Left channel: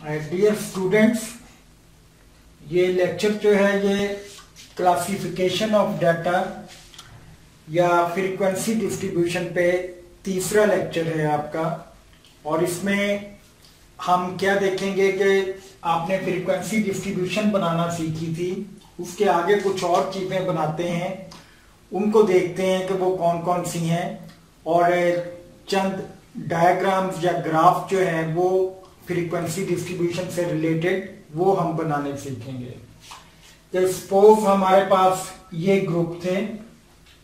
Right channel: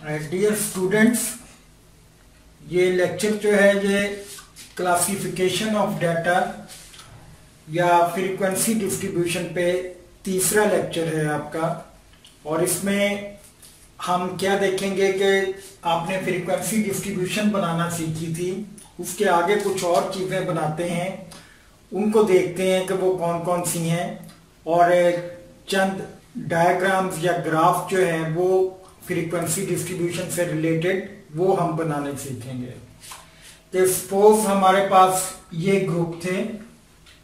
Dear students, ये lecture जो है ये क्लासिफिकेशन ऑफ डाटा या फ्रीक्वेंसी डिस्ट्रीब्यूशन पे तीसरा लेक्चर है आपका। और इसमें हम क्या देखेंगे कि आपने फ्रीक्वेंसी डिस्ट्रीब्यूशन बनाना सीखी थी, उसके आगे कुछ और चीजें बनाते हैं, उनको देखते हैं कि वो कौन कौन सी हैं, और चंद डायग्राम्स या ग्राफ जो है वो फ्रीक्वेंसी डिस्ट्रीब्यूशन से रिलेटेड वो हम बनाने सीखेंगे। तो सपोज हमारे पास ये ग्रुप थे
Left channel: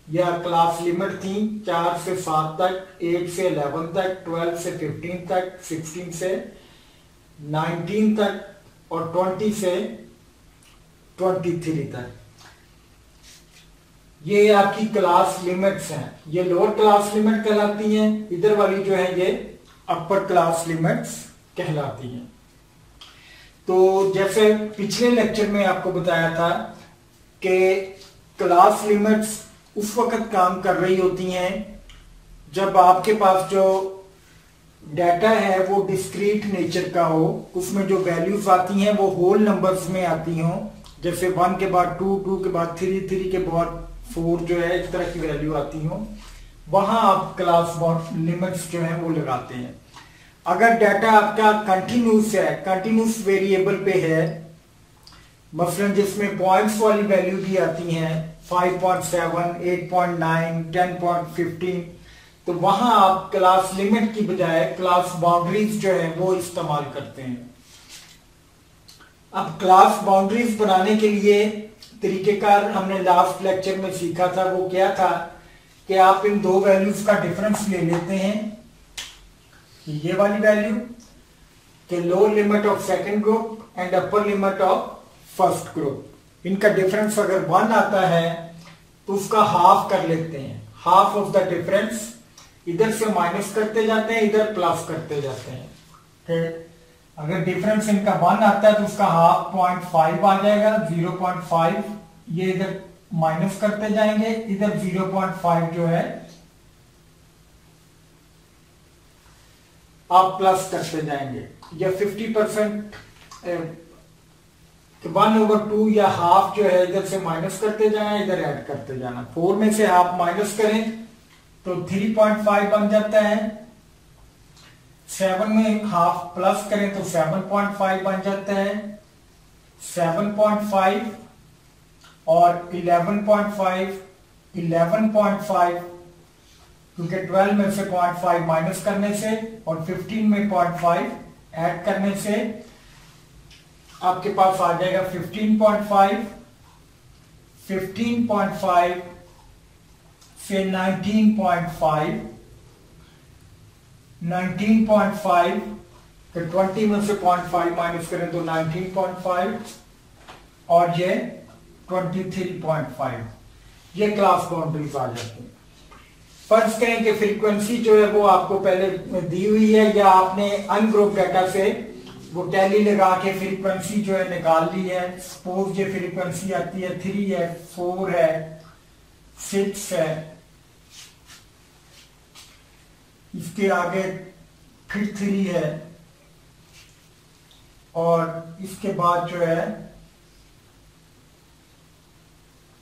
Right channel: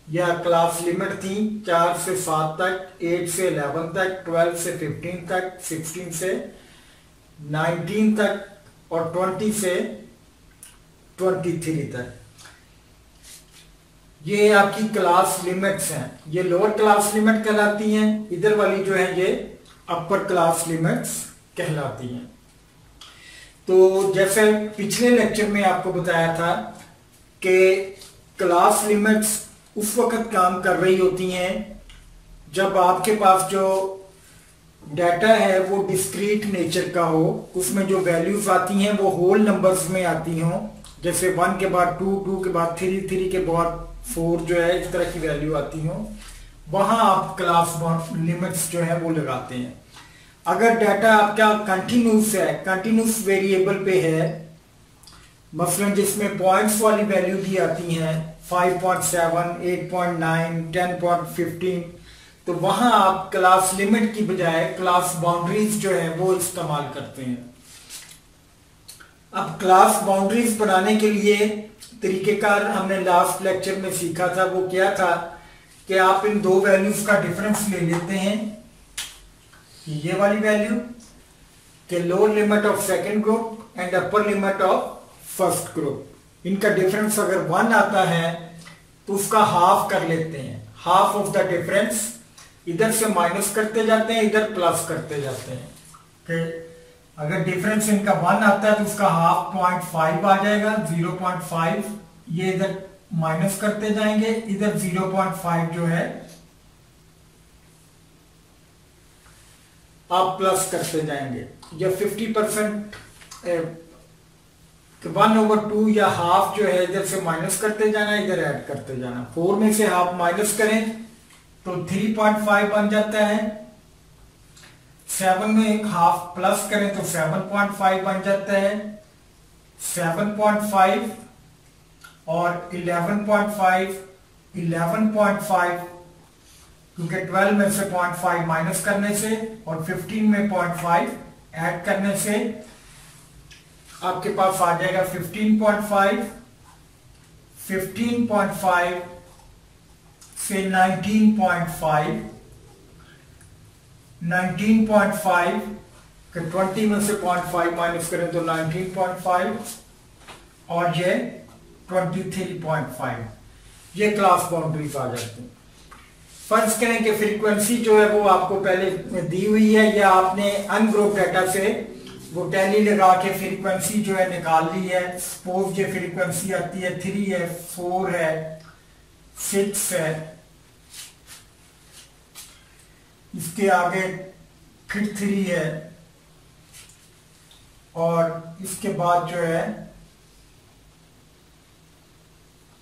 या क्लास लिमिट थी 4 से 7 तक, 8 से 11 तक, 12 से 15 तक, 16 से 19 तक और 20 से 23 तक। ये आपकी क्लास लिमिट्स हैं। ये लोअर क्लास लिमिट कहलाती हैं, इधर वाली जो है ये अपर क्लास लिमिट्स कहलाती हैं। तो जैसे पिछले लेक्चर में आपको बताया था कि क्लास लिमिट्स उस वक्त काम कर रही होती हैं जब आपके पास जो डाटा है वो डिस्क्रीट नेचर का हो, उसमें जो वैल्यूज आती हैं वो होल नंबर्स में आती हों, जैसे 1 के बाद 2, 2 के बाद 3, 3 के बाद 4 जो है इस तरह की वैल्यू आती हो, वहां आप क्लास लिमिट्स जो है वो लगाते हैं। अगर डाटा आपका कंटिन्यूस है, कंटिन्यूस वेरिएबल पे है, मसलन जिसमें पॉइंट्स वाली वैल्यू भी आती हैं 5.7, 8.9, 10.15, तो वहां आप क्लास लिमिट की बजाय क्लास बाउंड्रीज जो है वो इस्तेमाल करते हैं। अब क्लास बाउंड्रीज बनाने के लिए तरीकेकार हमने लास्ट लेक्चर में सीखा था, वो क्या था कि आप इन दो वैल्यूज का डिफरेंस ले लेते हैं। ये वाली वैल्यू के lower limit of second group and upper limit of first group, इनका डिफरेंस अगर 1 आता है तो उसका हाफ कर लेते हैं। हाफ ऑफ द डिफरेंस इधर से माइनस करते जाते हैं, इधर प्लस करते जाते हैं। अगर डिफरेंस इनका 1 आता है तो उसका हाफ 0.5 आ जाएगा, 0.5 ये इधर माइनस करते जाएंगे, इधर 0.5 जो है आप प्लस करते जाएंगे। ये 50% 1/2 या हाफ जो है इधर से माइनस करते जाना, इधर ऐड करते जाना। 4 में से हाफ माइनस करें तो 3.5 बन जाता है। 7 में हाफ प्लस करें तो 7.5 बन जाता है। 7.5 और 11.5, 11.5 क्योंकि 12 में से 0.5 माइनस करने से और 15 में 0.5 ऐड करने से आपके पास आ जाएगा 15.5। 15.5 से 19.5, 19.5 के 20 में से 0.5 माइनस करें तो 19.5 और ये 23.5, ये क्लास बाउंड्रीज आ जाती हैं। फर्ज करें कि फ्रीक्वेंसी जो है वो आपको पहले दी हुई है या आपने अनग्रुप डाटा से वो टैली लगा के फ्रीक्वेंसी जो है निकाल ली है। सपोज ये फ्रीक्वेंसी आती है 3 है, 4 है, 6 है, इसके आगे फिर 3 है और इसके बाद जो है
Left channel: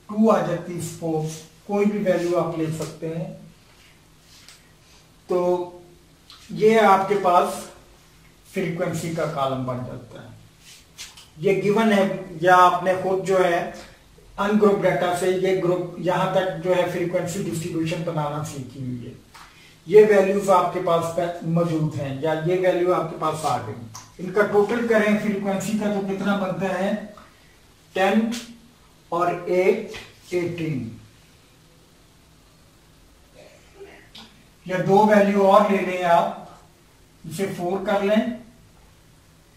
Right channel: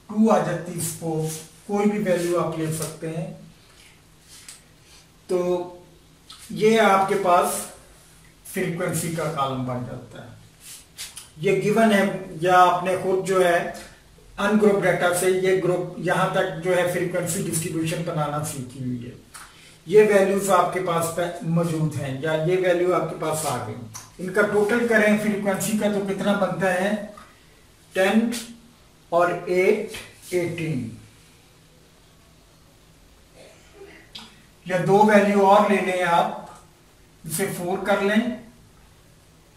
2 आ जाती। सपोज कोई भी वैल्यू आप ले सकते हैं। तो ये आपके पास फ्रीक्वेंसी का कॉलम बन जाता है। ये गिवन है या आपने खुद जो है अनग्रुप डाटा से ये ग्रुप यहां तक जो है फ्रीक्वेंसी डिस्ट्रीब्यूशन बनाना सीखी हुई है। ये वैल्यूज आपके पास मौजूद हैं या ये वैल्यू आपके पास आ गई। इनका टोटल करें फ्रीक्वेंसी का तो कितना बनता है 10 और 8 18, या 2 वैल्यू और ले लें आप, इसे 4 कर लें,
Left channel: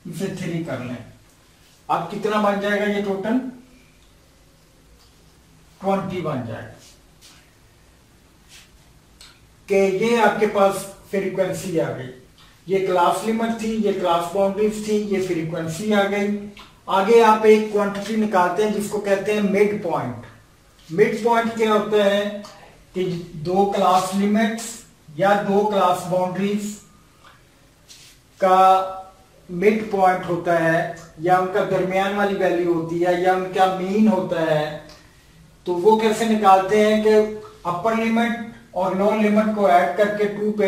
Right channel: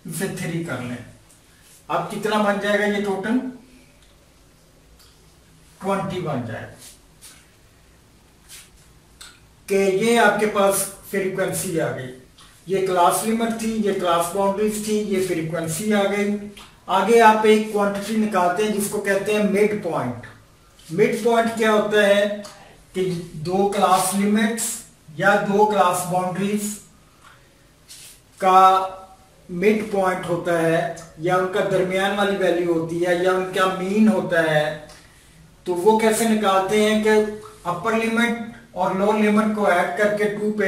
इसे 3 कर लें। अब कितना बन जाएगा ये टोटल 20 बन जाएगा। कि ये आपके पास फ्रीक्वेंसी आ गई। ये क्लास लिमिट थी, ये क्लास बाउंड्रीज थी, ये फ्रीक्वेंसी आ गई। आगे आप एक क्वांटिटी निकालते हैं जिसको कहते हैं मिड पॉइंट। मिड पॉइंट क्या होता है कि 2 क्लास लिमिट्स या 2 क्लास बाउंड्रीज का मिड पॉइंट होता है या उनका दरमियान वाली वैल्यू होती है या उनका मीन होता है, तो वो कैसे निकालते हैं कि अपर लिमिट और लोअर लिमिट को ऐड करके 2 पे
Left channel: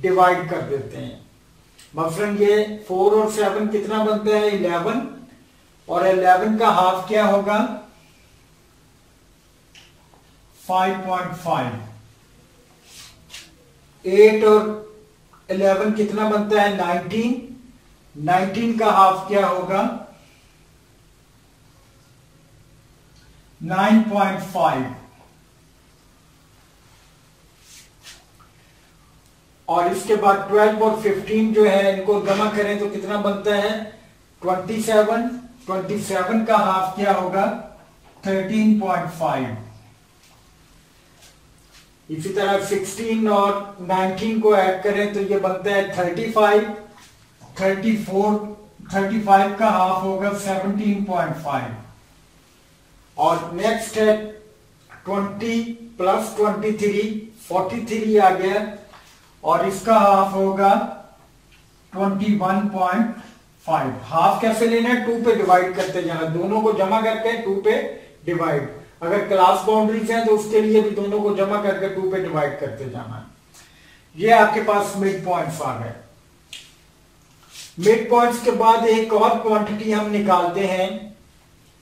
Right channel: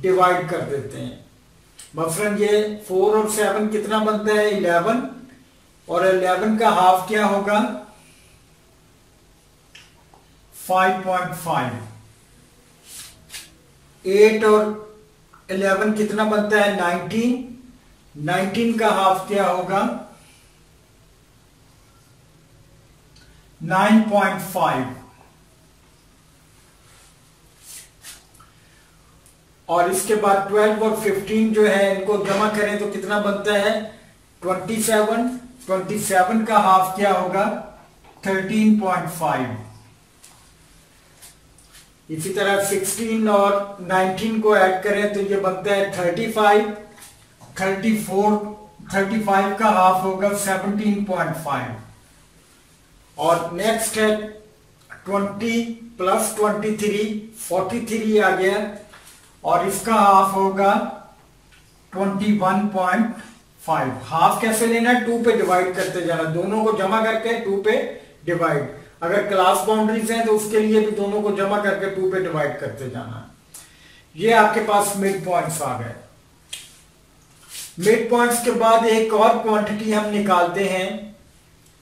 डिवाइड कर देते हैं। मसलन ये 4 और 7 कितना बनता है 11, और 11 का हाफ क्या होगा 5.5। 8 और 11 कितना बनता है 19, 19 का हाफ क्या होगा 9.5। और इसके बाद 12 और 15 जो है इनको जमा करें तो कितना बनता है 27। 27 का हाफ क्या होगा 13.5। इसी तरह 16 और 19 को ऐड करें तो ये बनता है 35। 35 का हाफ होगा 17.5। और नेक्स्ट है 20 प्लस 23 43 आ गया, और इसका हाफ होगा 21.5। हाफ कैसे लेना है 2 पे डिवाइड करते जाना, दोनों को जमा करके 2 पे डिवाइड। अगर क्लास बाउंड्रीज हैं तो उसके लिए भी दोनों को जमा करके 2 पे डिवाइड करते जाना। ये आपके पास मिड पॉइंट्स आ गए। मिड पॉइंट्स के बाद एक और क्वांटिटी हम निकालते हैं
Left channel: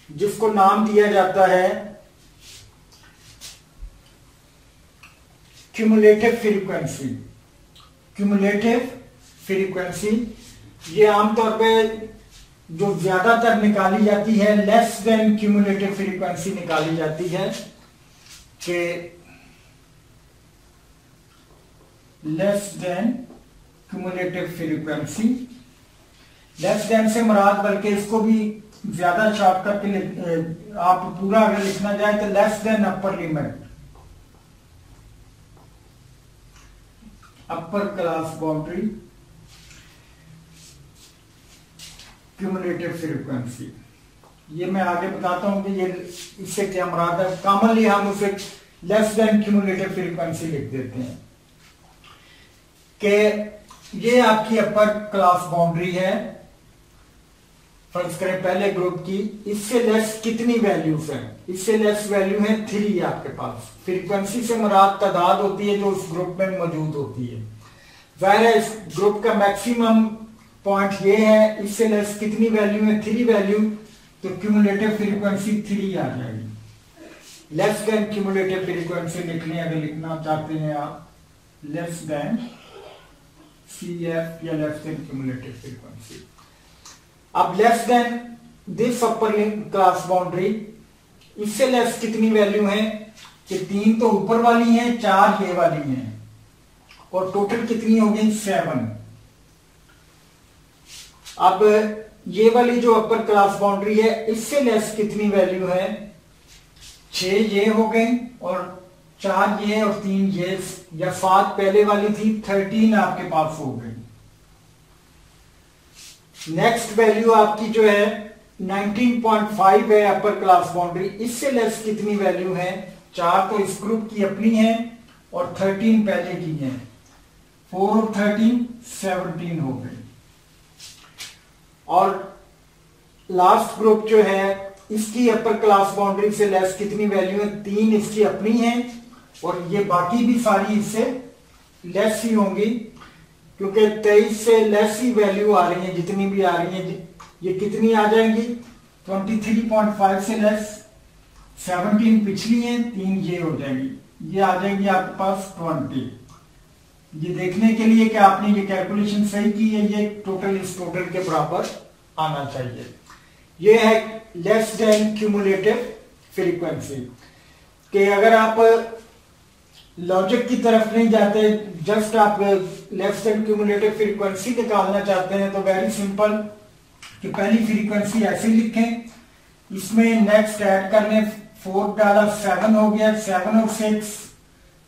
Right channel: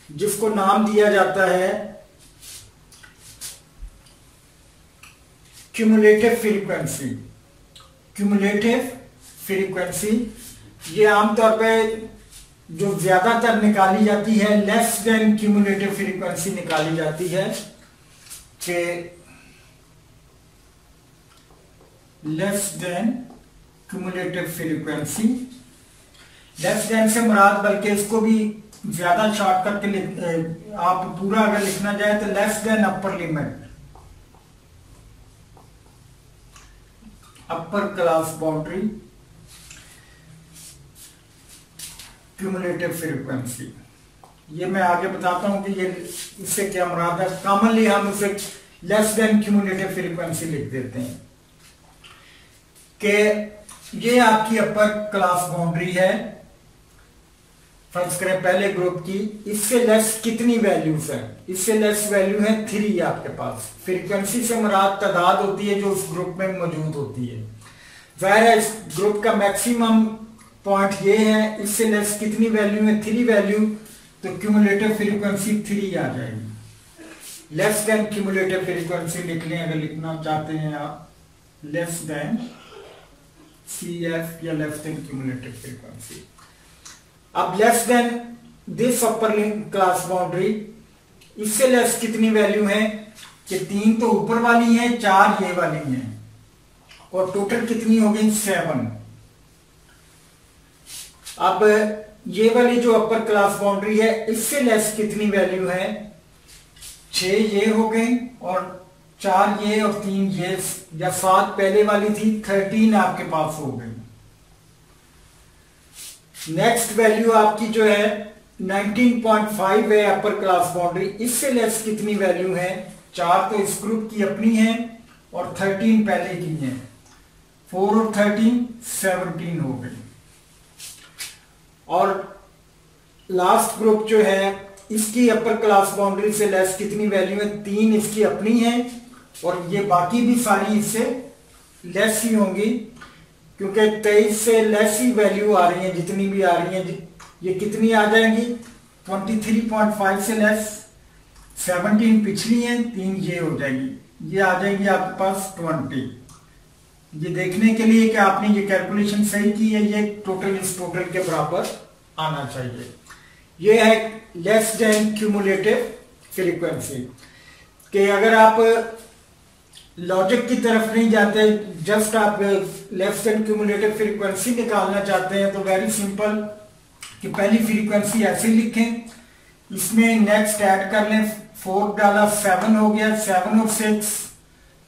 जिसको नाम दिया जाता है क्यूमुलेटिव फ्रीक्वेंसी। क्यूमुलेटिव फ्रीक्वेंसी ये आमतौर पे जो ज्यादातर निकाली जाती है लेस देन क्यूमुलेटिव फ्रीक्वेंसी निकाली जाती है कि less than cumulative frequency. Less than से मुराद, बल्कि इसको भी ज्यादा शॉर्ट करके आप पूरा अगर लिखना चाहें तो less than upper limit, upper class boundary cumulative frequency. ये मैं आगे बताता हूं कि ये इससे क्या मुराद है। कॉमनली हम उसे लेस देन क्यूमुलेटिव फ्रीक्वेंसी लिख देते हैं कि ये आपकी अपर क्लास बाउंड्री है। फर्ज करें पहले ग्रुप की, इससे लेस कितनी वैल्यूज है, इससे लेस वैल्यू है 3 आपके पास। फ्रीक्वेंसी से मुराद तादाद होती है जो उस ग्रुप में मौजूद होती है। जाहिर है इस ग्रुप का मैक्सिमम पॉइंट ये है, इससे लेस कितनी वैल्यू है 3 वैल्यू, तो क्यूमुलेटिव फ्रीक्वेंसी 3 आ जाएगी। लेस देन क्यूमुलेटिव फ्रीक्वेंसी लिख लें अगर लिखना चाहते हैं आप, लेस देन CF या लेस देन क्यूमुलेटिव फ्रीक्वेंसी। अब less than this upper class boundary, इससे लेस कितनी वैल्यू है कि 3 तो ऊपर वाली है, 4 ये वाली है, और टोटल कितनी हो गई 7। अब ये वाली जो अपर क्लास बाउंड्री है इससे लेस कितनी वैल्यू है 6 ये हो गई, और 4 ये और 3 ये, या 7 पहले वाली थी, 13 आपके पास हो गई। नेक्स्ट वैल्यू आपकी जो है 19.5 है अपर क्लास बाउंड्री, इससे लेस कितनी वैल्यू है 4 तो इस ग्रुप की अपनी है और 13 पहले की है, 4 और 13 17 हो गई। और लास्ट ग्रुप जो है इसकी अपर क्लास बाउंड्री से लेस कितनी वैल्यू है 3 इसकी अपनी है, और ये बाकी भी सारी इससे लेस ही होंगी क्योंकि 23 से लेस ही वैल्यू आ रही है, जितनी भी आ रही है ये कितनी आ जाएंगी 23.5 से लेस, 17 पिछली है, 3 ये हो जाएगी, ये आ जाएंगी आपके पास 20। ये देखने के लिए कि आपने ये कैलकुलेशन सही की है, ये टोटल इस टोटल के बराबर आना चाहिए। ये है लेस देन क्यूमुलेटिव फ्रीक्वेंसी। कि अगर आप लॉजिक की तरफ नहीं जाते, जस्ट आप लेस देन क्यूमुलेटिव फ्रीक्वेंसी निकालना चाहते हैं तो वेरी सिंपल कि पहली फ्रीक्वेंसी ऐसे लिखें, इसमें नेक्स्ट ऐड कर लें, 4 डाला 7 हो गया, 7 और 6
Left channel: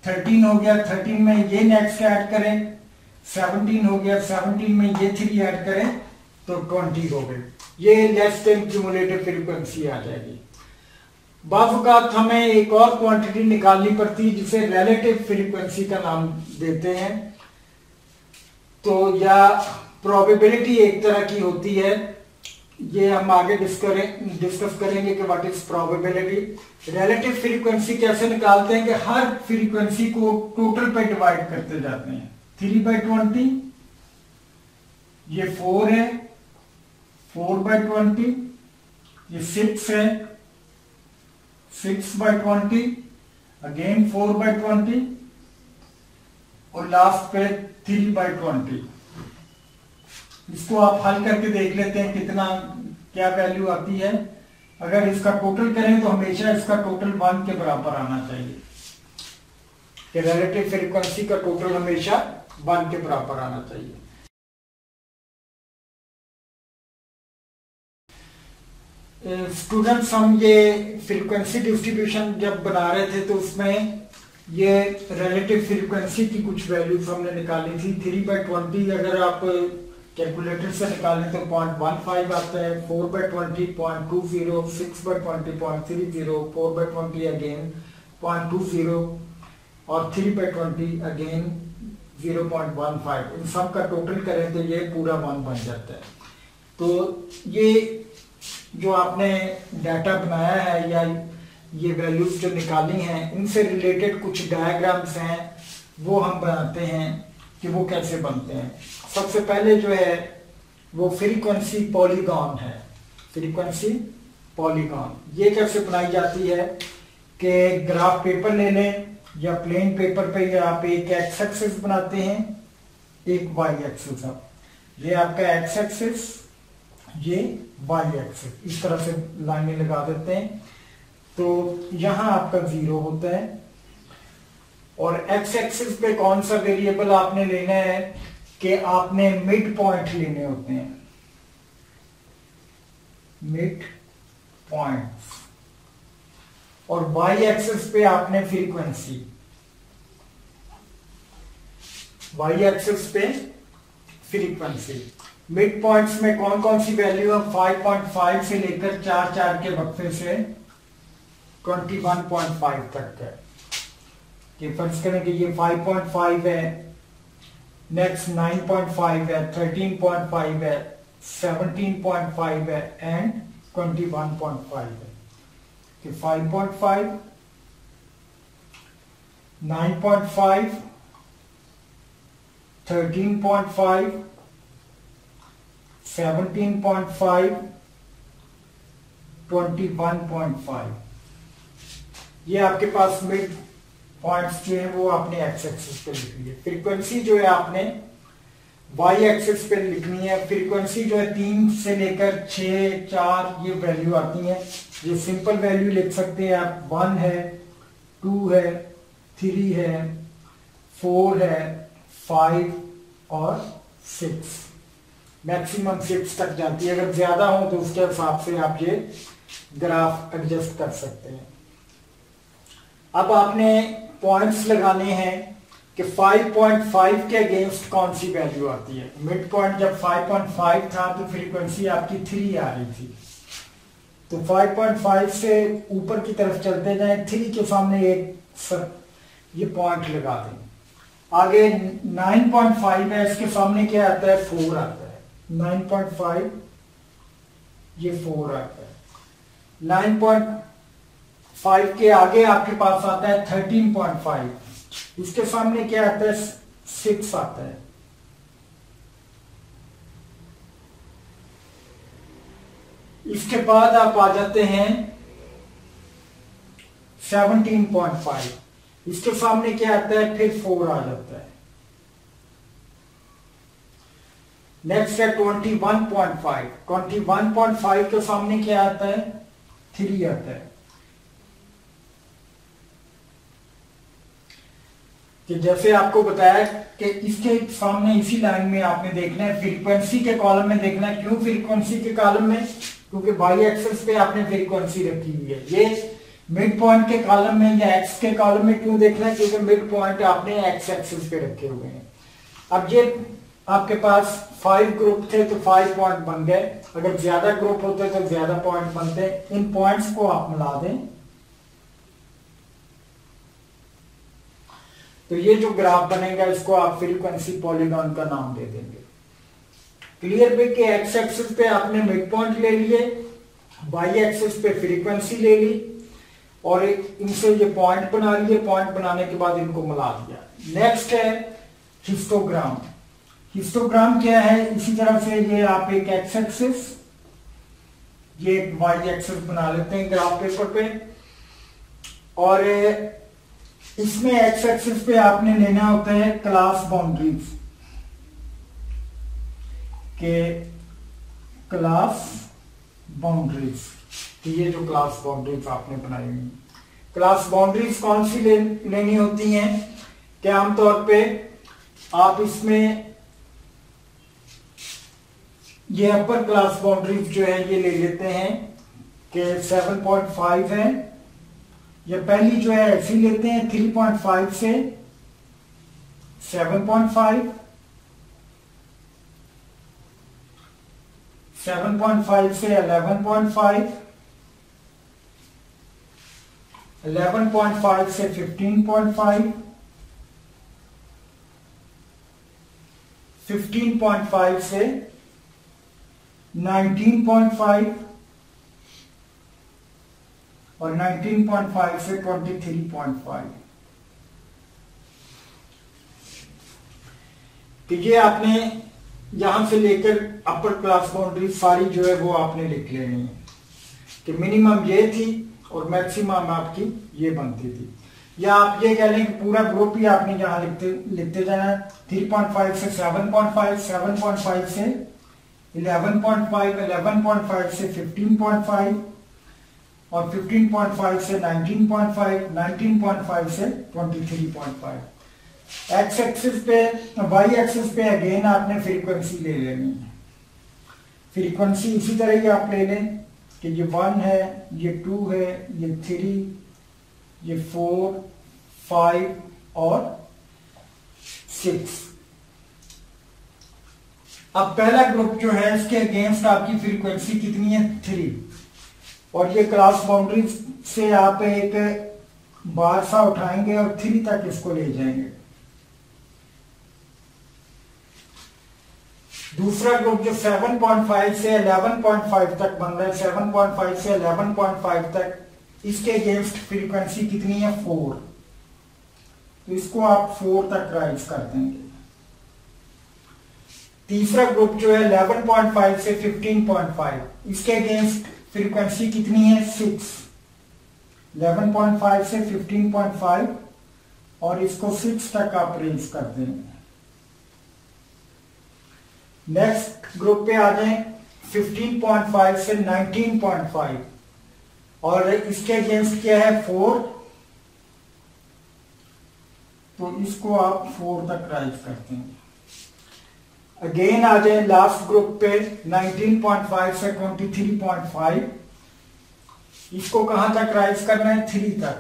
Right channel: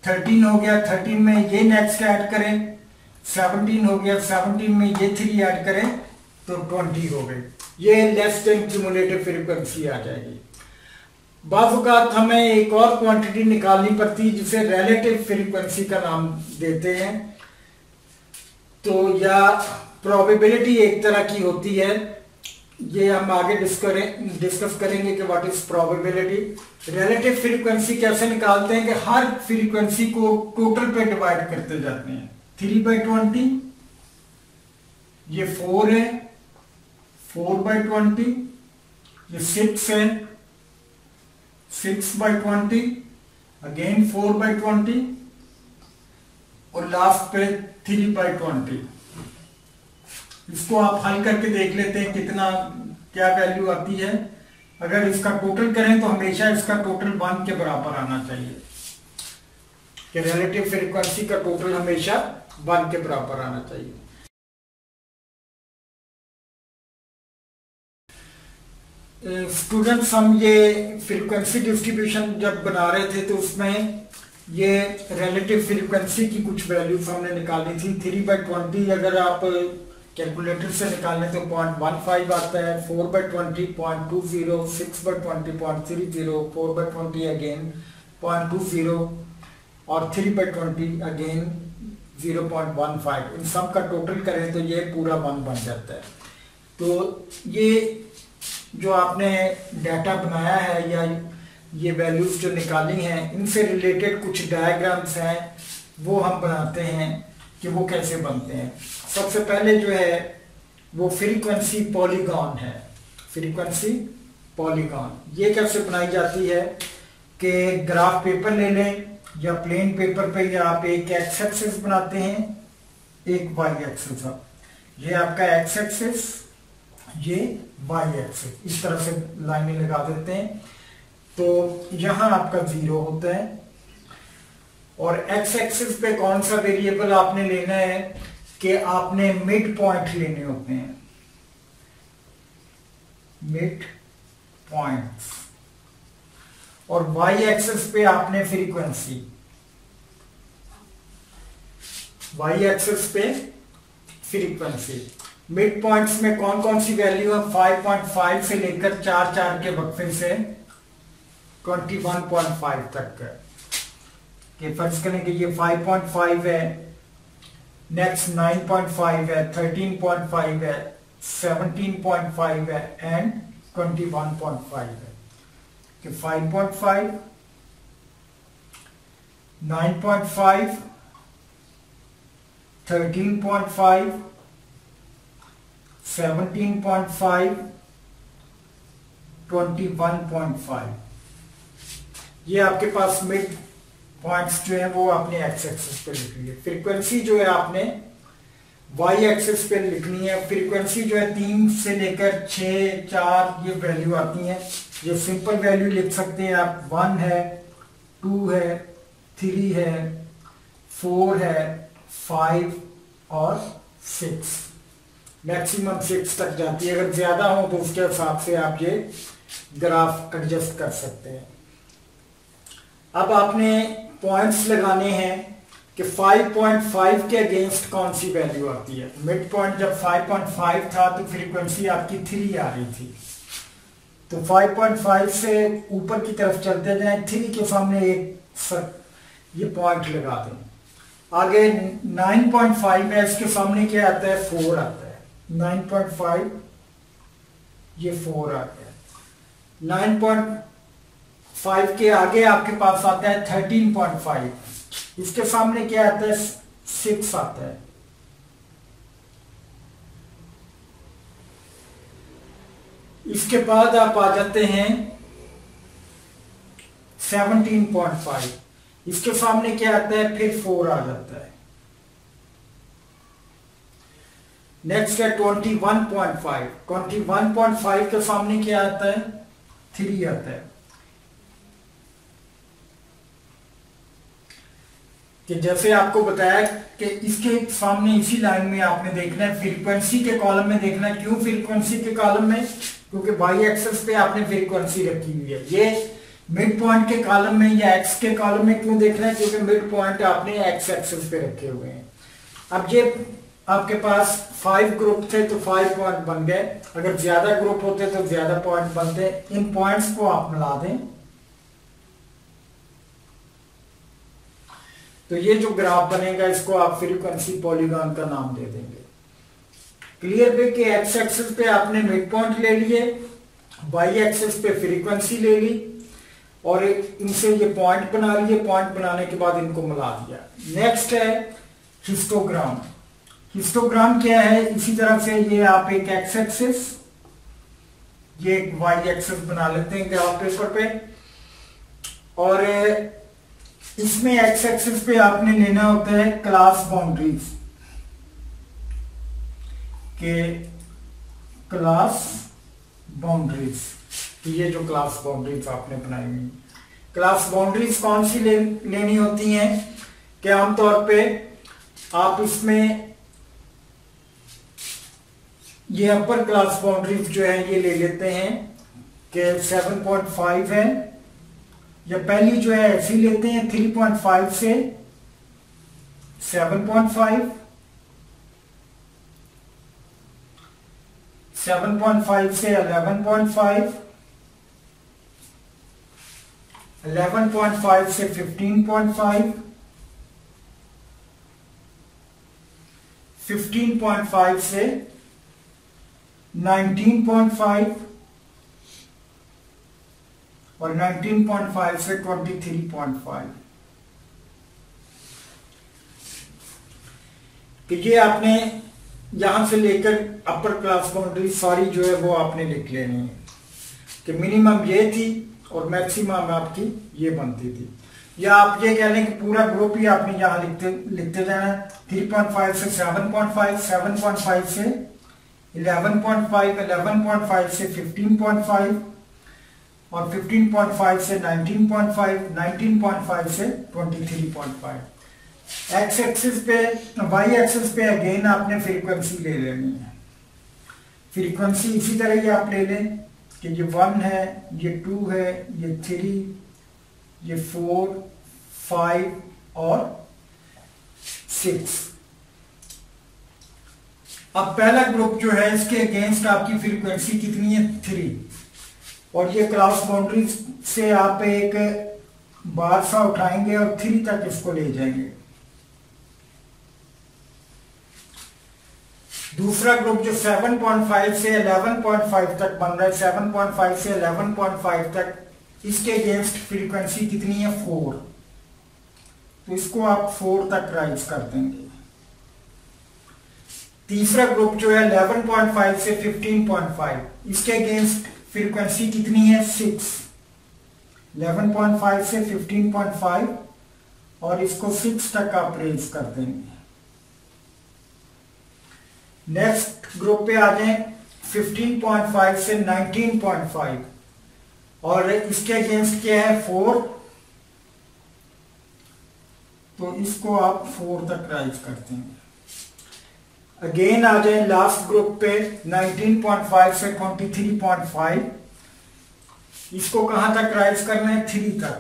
13 हो गया, 13 में ये नेक्स्ट ऐड करें, 17 हो गया, 17 में ये 3 ऐड करें तो 20 हो गई। ये लेस देन क्यूमुलेटिव फ्रीक्वेंसी आ जाएगी। बाज़ औक़ात हमें एक और क्वांटिटी निकालनी पड़ती है जिसे रिलेटिव फ्रीक्वेंसी का नाम देते हैं, तो या प्रोबेबिलिटी एक तरह की होती है, ये हम आगे डिस्कस करेंगे कि what is probability. Relative frequency कैसे निकालते हैं कि हर फ्रीक्वेंसी को टोटल पे डिवाइड करते जाते हैं। 3/20 ये 4 है, 4/20 ये 6 है, 6/20 अगेन 4/20 और लास्ट पे 3/20। इसको आप हल करके देख लेते हैं कितना क्या वैल्यू आती है। अगर इसका टोटल करें तो हमेशा इसका टोटल 1 के बराबर आना चाहिए, कि रिलेटिव फ्रीक्वेंसी का टोटल हमेशा 1 के बराबर आना चाहिए। स्टूडेंट्स, हम ये फ्रीक्वेंसी डिस्ट्रीब्यूशन जब बना रहे थे तो उसमें ये रिलेटिव फ्रीक्वेंसी की कुछ वैल्यूज हमने निकाली थी। 3/20 अगर आप कैलकुलेटर से निकालें तो 0.15 आता है, 4/20 0.20, 6/20 0.30, 4/20 अगेन 0.20 और 3/20 अगेन 0.15। इन सब का टोटल करें तो ये पूरा 1 बन जाता है। तो ये जो आपने डाटा बनाया है या ये वैल्यूज जो निकाली हैं, इनसे रिलेटेड कुछ डायग्राम्स हैं, वो हम बनाते हैं कि वो कैसे बनते हैं। सबसे पहले जो है वो फ्रीक्वेंसी पॉलीगॉन है। फ्रीक्वेंसी पॉलीगॉन ये कैसे बनाई जाती है कि ग्राफ पेपर ले लें या प्लेन पेपर पे या आप एक एक्स एक्सिस बनाते हैं, एक वाई एक्सिस। ये आपका एक्स एक्सिस, ये वाई एक्सिस, इस तरह से लाइनें लगा देते हैं। तो यहां आपका 0 होता है और एक्स एक्सिस पे कौन सा वेरिएबल आपने लेना है कि आपने मिड पॉइंट लेने होते हैं, मिड पॉइंट्स। और वाई एक्सिस पे आपने फ्रीक्वेंसी, वाई एक्सिस पे फ्रीक्वेंसी। मिड पॉइंट्स में कौन कौन सी वैल्यू है, 5.5 से लेकर 4 के वक्फे से 21.5 तक है। कि फर्ज करें कि ये 5.5 है, नेक्स्ट 9.5 है, 13.5 है, 17.5 है एंड 21.5 है। कि 5.5, 9.5, 13.5, 17.5, 21.5। ये आपके पास मिड पॉइंट्स जो है वो आपने एक्स एक्सिस पे लिख लिए। फ्रीक्वेंसी जो है आपने वाई एक्सिस पे लिखनी है। फ्रीक्वेंसी जो है 3 से लेकर 6, 4 ये वैल्यू आती है। ये सिंपल वैल्यू लिख सकते हैं आप, 1 है, 2 है, 3 है, 4 है, 5 और 6। मैक्सिमम 6 तक जाती है। अगर ज्यादा हो तो उसके हिसाब से आप ये ग्राफ एडजस्ट कर सकते हैं। अब आपने पॉइंट्स लगाने हैं कि 5.5 के अगेंस्ट कौन सी वैल्यू आती है। मिड पॉइंट जब 5.5 था तो फ्रीक्वेंसी आपकी 3 आ रही थी। तो 5.5 से ऊपर की तरफ चलते जाएं, 3 के सामने एक ये पॉइंट लगा दें। आगे 9.5 है, इसके सामने क्या आता है, 4 आता है। 9.5 ये 4 आता है। 9.5 के आगे आपके पास आता है 13.5, इसके सामने क्या आता है, 6 आता है। इसके बाद आप आ जाते हैं 17.5, इसके सामने क्या आता है, फिर 4 आ जाता है। नेक्स्ट है 21.5, 21.5 के सामने क्या आता है, 3 आता है। कि जैसे आपको बताया कि इसके सामने इसी लाइन में आपने देखना है, फ्रीक्वेंसी के कॉलम में देखना है। क्यों फ्रीक्वेंसी के कॉलम में, क्योंकि वाई एक्सिस पे आपने फ्रीक्वेंसी रखी हुई है। ये मिड पॉइंट के कॉलम में या एक्स के कॉलम में क्यों देखना है, क्योंकि मिड पॉइंट आपने एक्स एक्सिस पे रखे हुए हैं। अब ये आपके पास 5 ग्रुप थे तो 5 पॉइंट बन गए, अगर ज्यादा ग्रुप होते तो ज्यादा पॉइंट बनते। इन पॉइंट्स को आप मिला दें तो ये जो ग्राफ बनेगा इसको आप फ्रीक्वेंसी पॉलीगॉन का नाम दे देंगे। क्लियर पे कि एक्स एक्सिस पे आपने मिड पॉइंट ले लिए, वाई एक्सिस पे फ्रीक्वेंसी ले ली और इनसे ये पॉइंट बना लिए, पॉइंट बनाने के बाद इनको मिला दिया। नेक्स्ट है हिस्टोग्राम। हिस्टोग्राम क्या है, इसी तरह से ये आप एक एक्स एक्सिस, ये एक वाई एक्सिस बना लेते हैं ग्राफ पेपर पे, और इसमें एक्स एक्सिस पे आपने लेना होता है क्लास बाउंड्रीज के, क्लास बाउंड्रीज, ये जो क्लास बाउंड्रीज आपने बनाई हुई, क्लास बाउंड्रीज कौन सी लेनी होती हैं कि आमतौर पे आप इसमें ये अपर क्लास बाउंड्रीज जो है ये ले लेते हैं कि 7.5 है, या पहली जो है ऐसी लेते हैं 3.5 से 7.5, 7.5 से 11.5, 11.5 से 15.5, 15.5 से 19.5 और 19.5 से 23.5। तो ये आपने यहां से लेकर अपर क्लास बाउंड्री सारी जो है वो आपने लिख लेनी है कि मिनिमम ये थी और मैक्सिमम आपकी ये बनती थी, या आप ये कह लें कि पूरा ग्रुप ही आपने यहां लिखते जाना। 3.5 से 7.5, 7.5 से 11.5, 11.5 से 15.5 और 15.5 से 19.5, 19.5 से 23.5। एक्स एक्सिस पे, वाई एक्सिस पे अगेन आपने फ्रीक्वेंसी ले लेनी है। फ्रीक्वेंसी इसी तरह ही आप ले लें कि ये 1 है, ये 2 है, ये 3, ये 4, 5 और 6। अब पहला ग्रुप जो है इसके अगेंस्ट आपकी फ्रीक्वेंसी कितनी है 3, और ये क्लास बाउंड्री से आप एक बार सा उठाएंगे और 3 तक इसको ले जाएंगे। दूसरा ग्रुप जो 7.5 से 11.5 तक बन रहा है, 7.5 से 11.5 तक, इसके अगेंस्ट फ्रीक्वेंसी कितनी है 4, तो इसको आप 4 तक राइज कर देंगे। तीसरा ग्रुप जो है 11.5 से 15.5, इसके अगेंस्ट फ्रीक्वेंसी कितनी है 6, 11.5 से 15.5 और इसको 6 तक आप रेंज कर देंगे। नेक्स्ट ग्रुप पे आ जाए 15.5 से 19.5 और इसके अगेंस्ट क्या है 4, तो इसको आप 4 तक राइज कर देंगे। अगेन आ जाए लास्ट ग्रुप पे 19.5 से 23.5, इसको कहां तक राइज करना है 3 तक,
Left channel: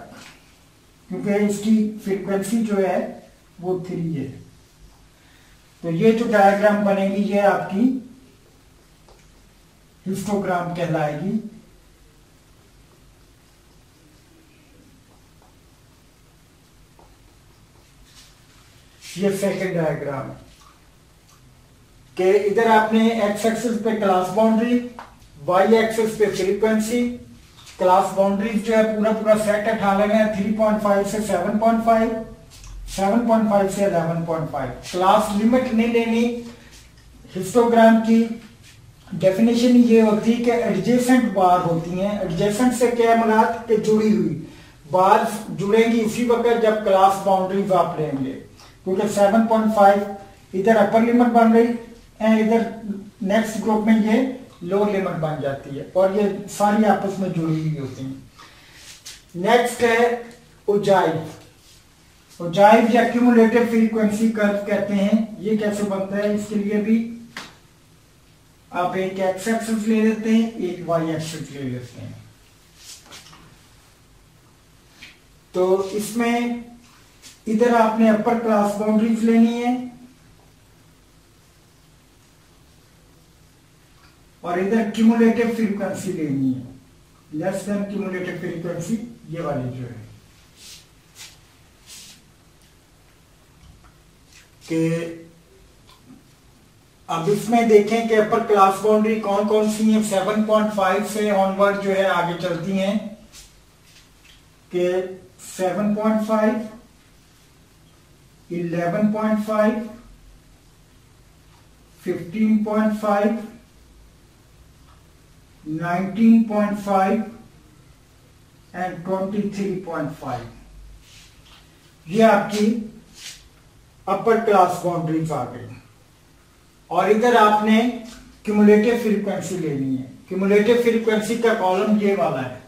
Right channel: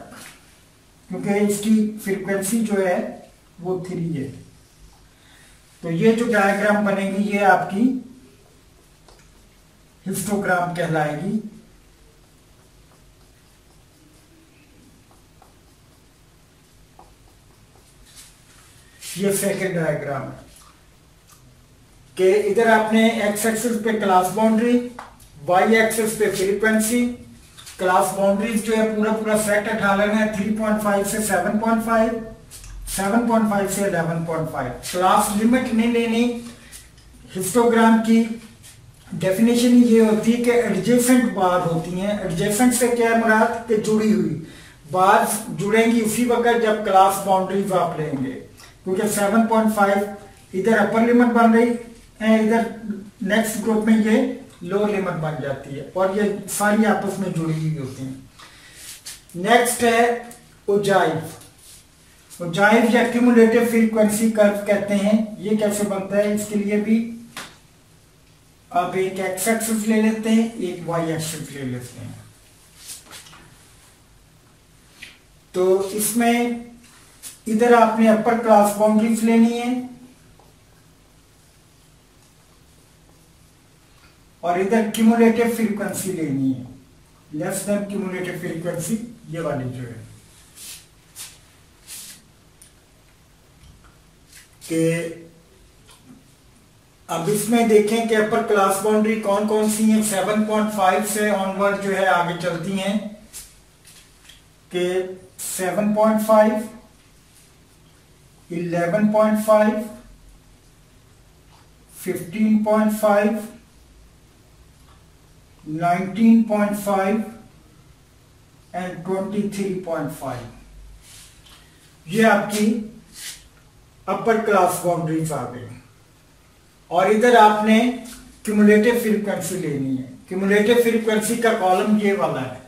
क्योंकि इसकी फ्रीक्वेंसी जो है वो 3 है। तो ये जो डायग्राम बनेगी ये आपकी हिस्टोग्राम कहलाएगी। ये सेकंड डायग्राम है कि इधर आपने एक्स एक्सिस पे क्लास बाउंड्री, वाई एक्सिस पे फ्रीक्वेंसी, क्लास बाउंड्रीज जो है पूरा पूरा सेट उठा लेना है 3.5 से 7.5, 7.5 से 11.5। क्लास लिमिट नहीं लेनी। हिस्टोग्राम की डेफिनेशन ये होती है कि एडजेसेंट बार होती हैं। एडजेसेंट से क्या है मुराद कि जुड़ी हुई बार जुड़ेंगी उसी वक्त जब क्लास बाउंड्रीज आप लेंगे, क्योंकि 7.5 इधर अपर लिमिट बन रही है, इधर नेक्स्ट ग्रुप में ये लोअर लिमिट बन जाती है और ये सारी आपस में जुड़ी हुई होती हैं। नेक्स्ट है उजाइव। उजाइव या क्यूमुलेटिव फ्रीक्वेंसी कर्व कहते हैं। ये कैसे बनता है, इसके लिए भी आप एक एक्स एक्सिस ले लेते हैं, एक वाई एक्सिस ले लेते हैं। तो इसमें इधर आपने अपर क्लास बाउंड्रीज लेनी है और इधर क्यूमुलेटिव फ्रीक्वेंसी लेनी है, लेस देन क्यूमुलेटिव फ्रीक्वेंसी ये वाली जो है कि अब इसमें देखें कि अपर क्लास बाउंड्री कौन कौन सी हैं। 7.5 से ऑनवर्ड जो है आगे चलती हैं कि 7.5, 11.5, 15.5, 19.5 एंड 23.5। ये आपकी अपर क्लास बाउंड्रीज आ गई। और इधर आपने क्यूमुलेटिव फ्रीक्वेंसी लेनी है। क्यूमुलेटिव फ्रीक्वेंसी का कॉलम ये वाला है।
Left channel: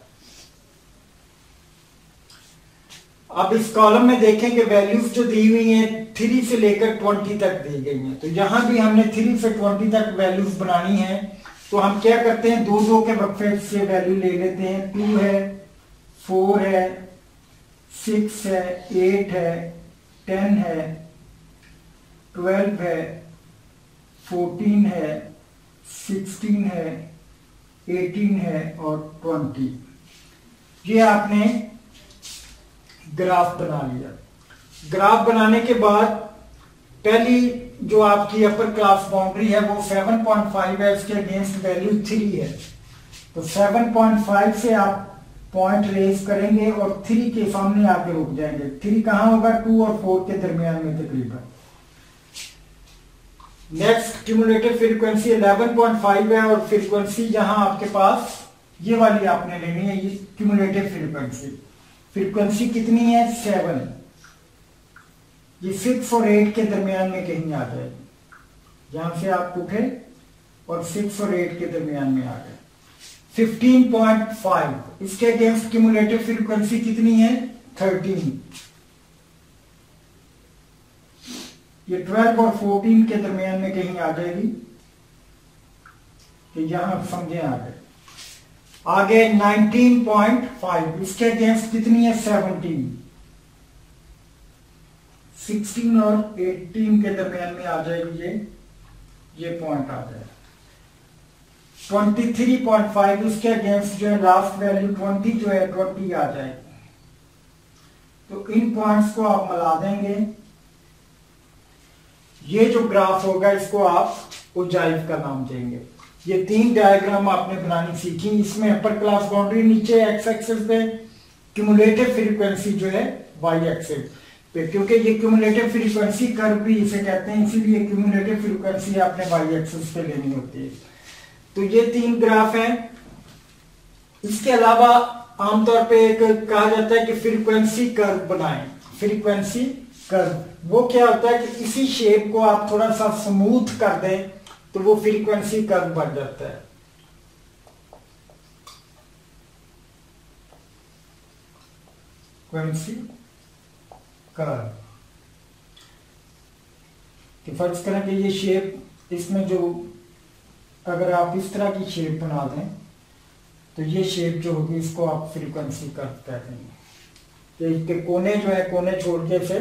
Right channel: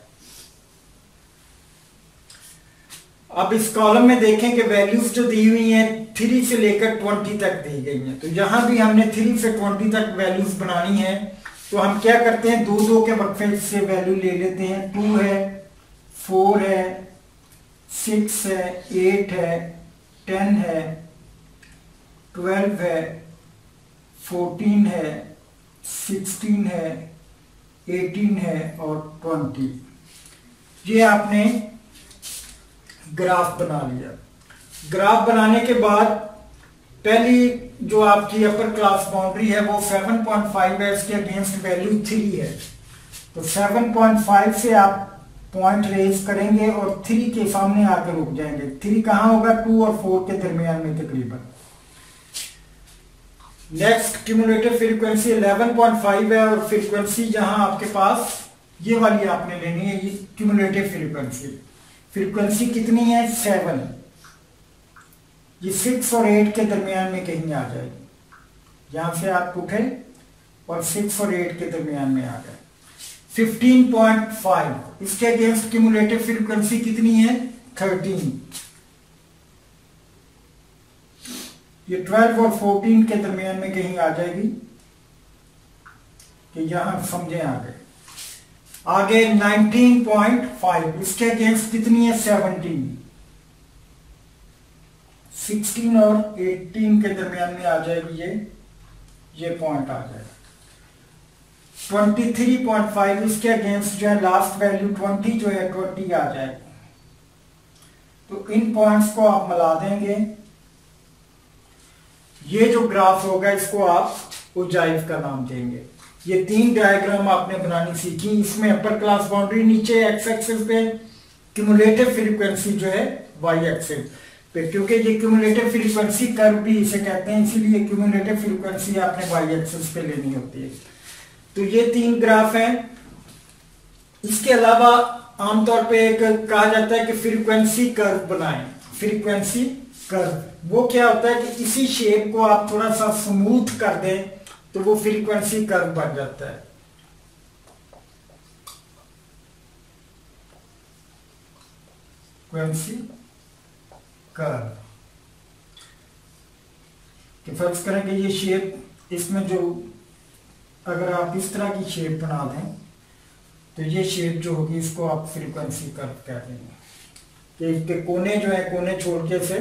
अब इस कॉलम में देखें कि वैल्यूज जो दी हुई हैं 3 से लेकर 20 तक दी गई हैं। तो यहां भी हमने 3 से 20 तक वैल्यूज बनानी है। तो हम क्या करते हैं, दो दो के वक्फे से वैल्यू ले लेते हैं। 2 है, 4 है, 6 है, 8 है, 10 है, 12 है, 14 है, 16 है, 18 है और 20। ये आपने ग्राफ बना लिया। ग्राफ बनाने के बाद पहली जो आपकी अपर क्लास बाउंड्री है वो 7.5 है, इसके अगेंस्ट वैल्यू 3 है। तो 7.5 से आप पॉइंट रेज करेंगे और 3 के सामने आके रुक जाएंगे। 3 कहां होगा, 2 और 4 के दरमियान में तकरीबन। नेक्स्ट क्यूमुलेटिव फ्रीक्वेंसी 11.5 है और फ्रीक्वेंसी जहां आपके पास ये वाली आपने लेनी है, ये क्यूमुलेटिव फ्रीक्वेंसी। फ्रीक्वेंसी कितनी है, 7। ये 6 और 8 के दरमियान में कहीं आ जाएगी। यहां से आप उठे और 6 और 8 के दरमियान में आ गए। 15.5 इसके अगेंस्ट क्यूमुलेटिव फ्रीक्वेंसी कितनी है, 13। ये 12 और 14 के दरमियान में कहीं आ जाएगी। कि यहां समझे आगे 19.5 इसके अगेंस्ट कितनी है, 17। 16 और 18 के दरमियान में आ जाएगी। ये पॉइंट आ जाएगा। 23.5 इसके अगेंस्ट जो है लास्ट वैल्यू 20 जो है 20 आ जाएगी। तो इन पॉइंट्स को आप मिला देंगे। ये जो ग्राफ होगा इसको आप उजाइव का नाम देंगे। ये 3 डायग्राम आपने बनानी सीखी। इसमें अपर क्लास बाउंड्री नीचे एक्स एक्सिस पे, क्यूमुलेटिव फ्रीक्वेंसी जो है वाई एक्सिस पे, क्योंकि ये क्यूमुलेटिव फ्रीक्वेंसी कर्व भी इसे कहते हैं, इसीलिए क्यूमुलेटिव फ्रीक्वेंसी आपने वाई एक्सिस पे लेनी होती है। तो ये 3 ग्राफ हैं। इसके अलावा आमतौर पे एक कहा जाता है कि फ्रीक्वेंसी कर्व बनाएं। फ्रीक्वेंसी कर्व वो क्या होता है कि इसी शेप को आप थोड़ा सा स्मूथ कर दें तो वो फ्रीक्वेंसी कर्व बन जाता है। फ्रीक्वेंसी कर्व कि फर्ज करें कि ये शेप, इसमें जो अगर आप इस तरह की शेप बना दें तो ये शेप जो होगी इसको आप फ्रीक्वेंसी कर्व कह देंगे। कि इसके कोने जो है, कोने छोड़ के से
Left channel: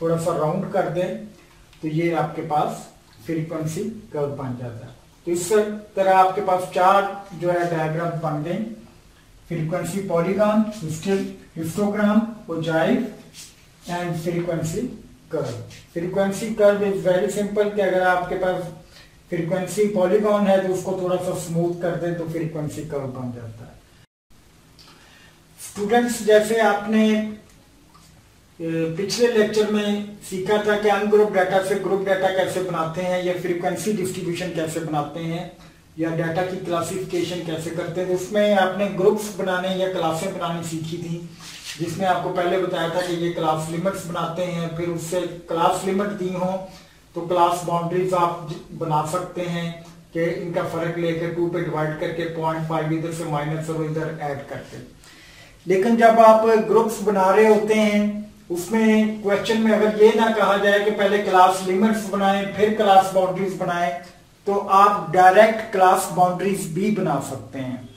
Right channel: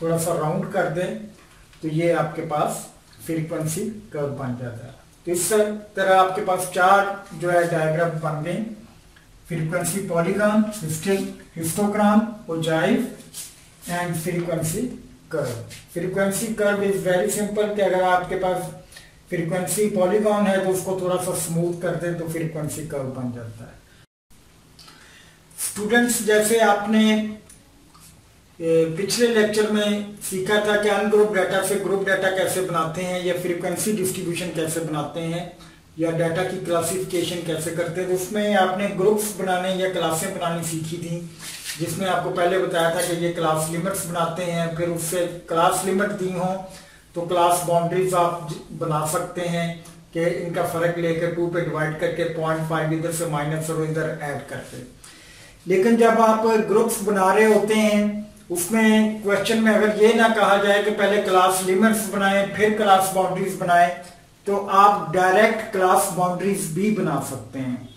थोड़ा सा राउंड कर दें तो ये आपके पास फ्रीक्वेंसी कर्व बन जाता है। तो इस तरह आपके पास 4 जो है डायग्राम बन गए। Frequency polygon, histogram, ogive and frequency curve. Frequency curve is very simple कि अगर आपके पास फ्रीक्वेंसी पॉलीगॉन है तो उसको थोड़ा सा स्मूथ कर दें तो फ्रीक्वेंसी कर्व बन जाता है। स्टूडेंट्स, जैसे आपने पिछले लेक्चर में सीखा था कि अनग्रुप डाटा से ग्रुप डाटा कैसे बनाते हैं, या फ्रीक्वेंसी डिस्ट्रीब्यूशन कैसे बनाते हैं, या डाटा की क्लासिफिकेशन कैसे करते हैं, उसमें आपने ग्रुप्स बनाने या क्लासें बनानी सीखी थी, जिसमें आपको पहले बताया था कि ये क्लास लिमिट्स बनाते हैं। फिर उससे क्लास लिमिट दी हो तो क्लास बाउंड्रीज आप बना सकते हैं कि इनका फर्क लेकर 2 पे डिवाइड करके 0.5 इधर से माइनस और इधर ऐड करके। लेकिन जब आप ग्रुप्स बना रहे होते हैं उसमें क्वेश्चन में अगर ये ना कहा जाए कि पहले क्लास लिमिट्स बनाएं फिर क्लास बाउंड्रीज बनाएं, तो आप डायरेक्ट क्लास बाउंड्रीज भी बना सकते हैं।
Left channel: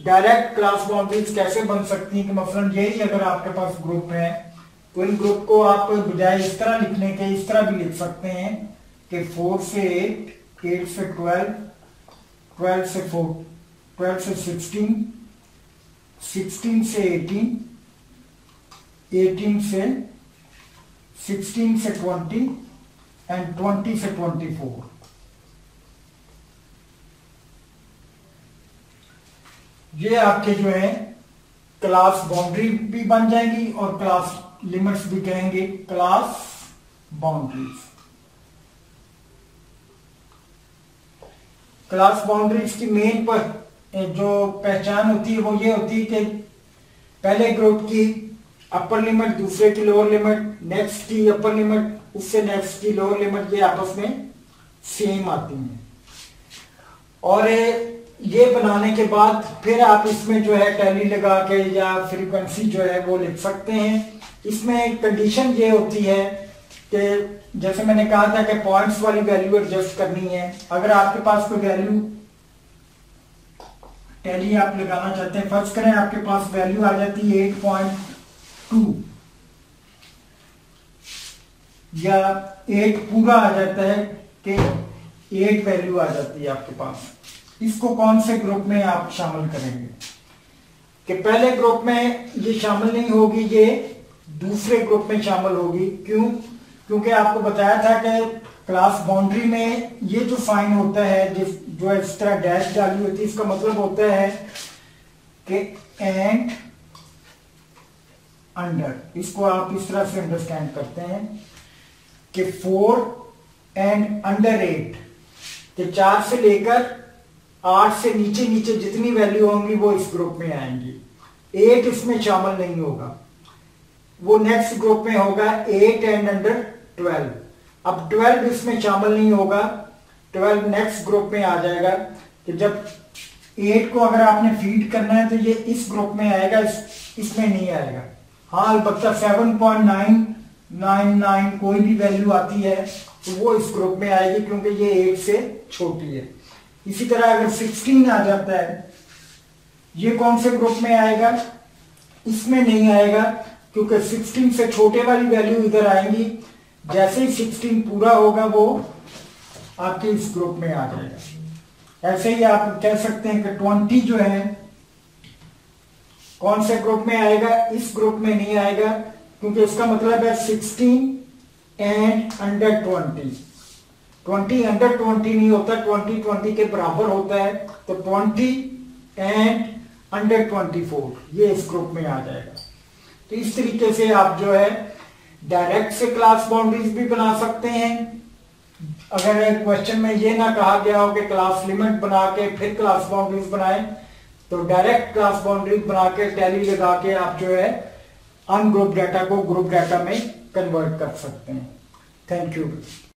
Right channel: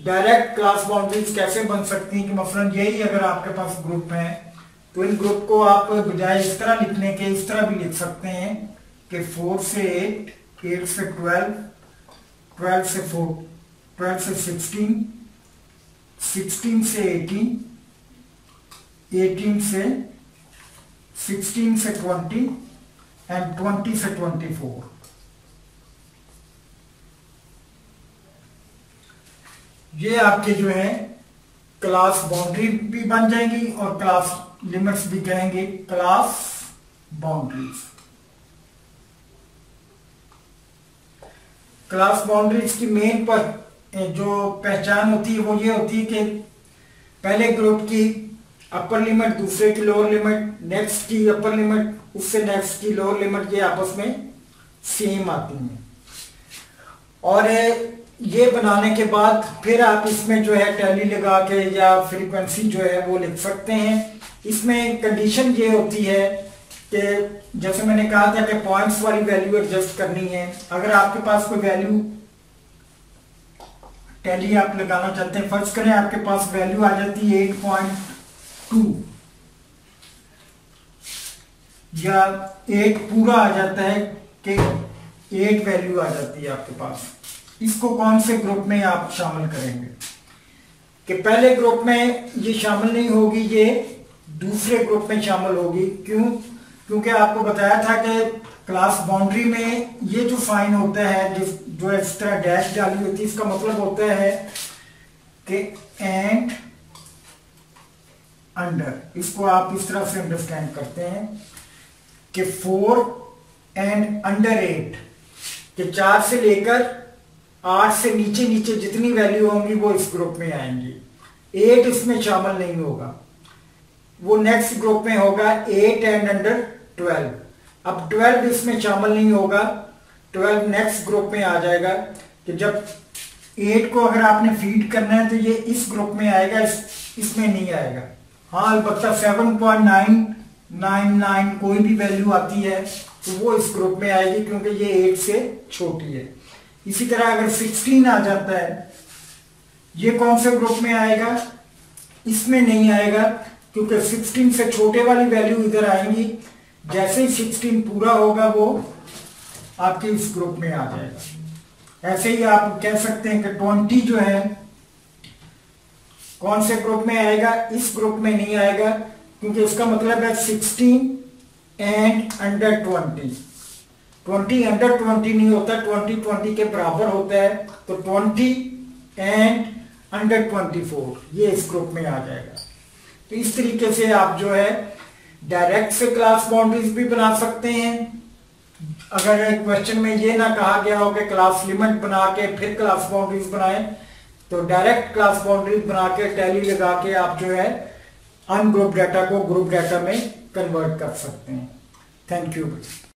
डायरेक्ट क्लास बाउंड्रीज कैसे बन सकती हैं कि मसलन यही अगर आपके पास ग्रुप है तो इन ग्रुप को आप बजाय इस तरह लिखने के इस तरह भी लिख सकते हैं कि 4 से 8, 8 से 12, 12 से 4, 12 से 16, 16 से 18, 18 से 16 से 20 एंड 20 से 24। ये आपके जो है क्लास बाउंड्री भी बन जाएंगी और क्लास लिमिट्स भी कहेंगे क्लास बाउंड्रीज। क्लास बाउंड्रीज की मेन पर जो पहचान होती है वो ये होती है कि पहले ग्रुप की अपर लिमिट, दूसरे की लोअर लिमिट, नेक्स्ट की अपर लिमिट, उससे नेक्स्ट की लोअर लिमिट, ये आपस में सेम आती हैं। और ये बनाने के बाद फिर आप इसमें जो है टैली लगा के या फ्रीक्वेंसी जो है वो लिख सकते हैं। इसमें कंडीशन ये होती है कि जैसे मैंने कहा था कि पॉइंट्स वाली वैल्यू एडजस्ट करनी है। अगर आपके पास कोई वैल्यू टैली आप लगाना चाहते हैं, फर्ज करें आपके पास वैल्यू आ जाती है 8.2 या 8 पूरा आ जाता है कि 8 वैल्यू आ जाती है आपके पास, इसको कौन से ग्रुप में आप शामिल करेंगे? कि पहले ग्रुप में ये शामिल नहीं होगी, ये दूसरे ग्रुप में शामिल होगी। क्यों? क्योंकि आपको बताया था कि क्लास बाउंड्री में ये जो फाइन होता है, जो इस तरह डैश डाली होती है, इसका मतलब होता है कि एंड अंडर, इसको आप इस तरह से अंडरस्टैंड करते हैं कि 4 एंड अंडर 8, कि 4 से लेकर 8 से नीचे नीचे जितनी वैल्यू होंगी वो इस ग्रुप में आएंगी। 8 इसमें शामिल नहीं होगा, वो नेक्स्ट ग्रुप में होगा 8 एंड अंडर 12। अब 12 इसमें शामिल नहीं होगा, 12 नेक्स्ट ग्रुप में आ जाएगा। कि जब 8 को अगर आपने फीड करना है तो ये इस ग्रुप में आएगा, इसमें नहीं आएगा। हाँ, अलबत्ता 7.999 कोई भी वैल्यू आती है तो वो इस ग्रुप में आएगी क्योंकि ये 8 से छोटी है। इसी तरह अगर 16 आ जाता है, ये कौन से ग्रुप में आएगा? इसमें नहीं आएगा क्योंकि 16 से छोटे वाली वैल्यू इधर आएंगी। जैसे ही 16 पूरा होगा वो आपके इस ग्रुप में आ जाएगा। ऐसे ही आप कह सकते हैं कि 20 जो है कौन से ग्रुप में आएगा? इस ग्रुप में नहीं आएगा क्योंकि इसका मतलब है 16 एंड अंडर 20। 20 अंडर 20 नहीं होता, 20 के बराबर होता है। तो 20 एंड अंडर 24 ये इस ग्रुप में आ जाएगा। तो इस तरीके से आप जो है डायरेक्ट से क्लास बाउंड्रीज भी बना सकते हैं। अगर क्वेश्चन में ये ना कहा गया हो कि क्लास लिमिट बना के फिर क्लास बाउंड्रीज बनाएं, तो डायरेक्ट क्लास बाउंड्रीज बना के टैली लगा के आप जो है अनग्रुप डाटा को ग्रुप डाटा में कन्वर्ट कर सकते हैं। Thank you.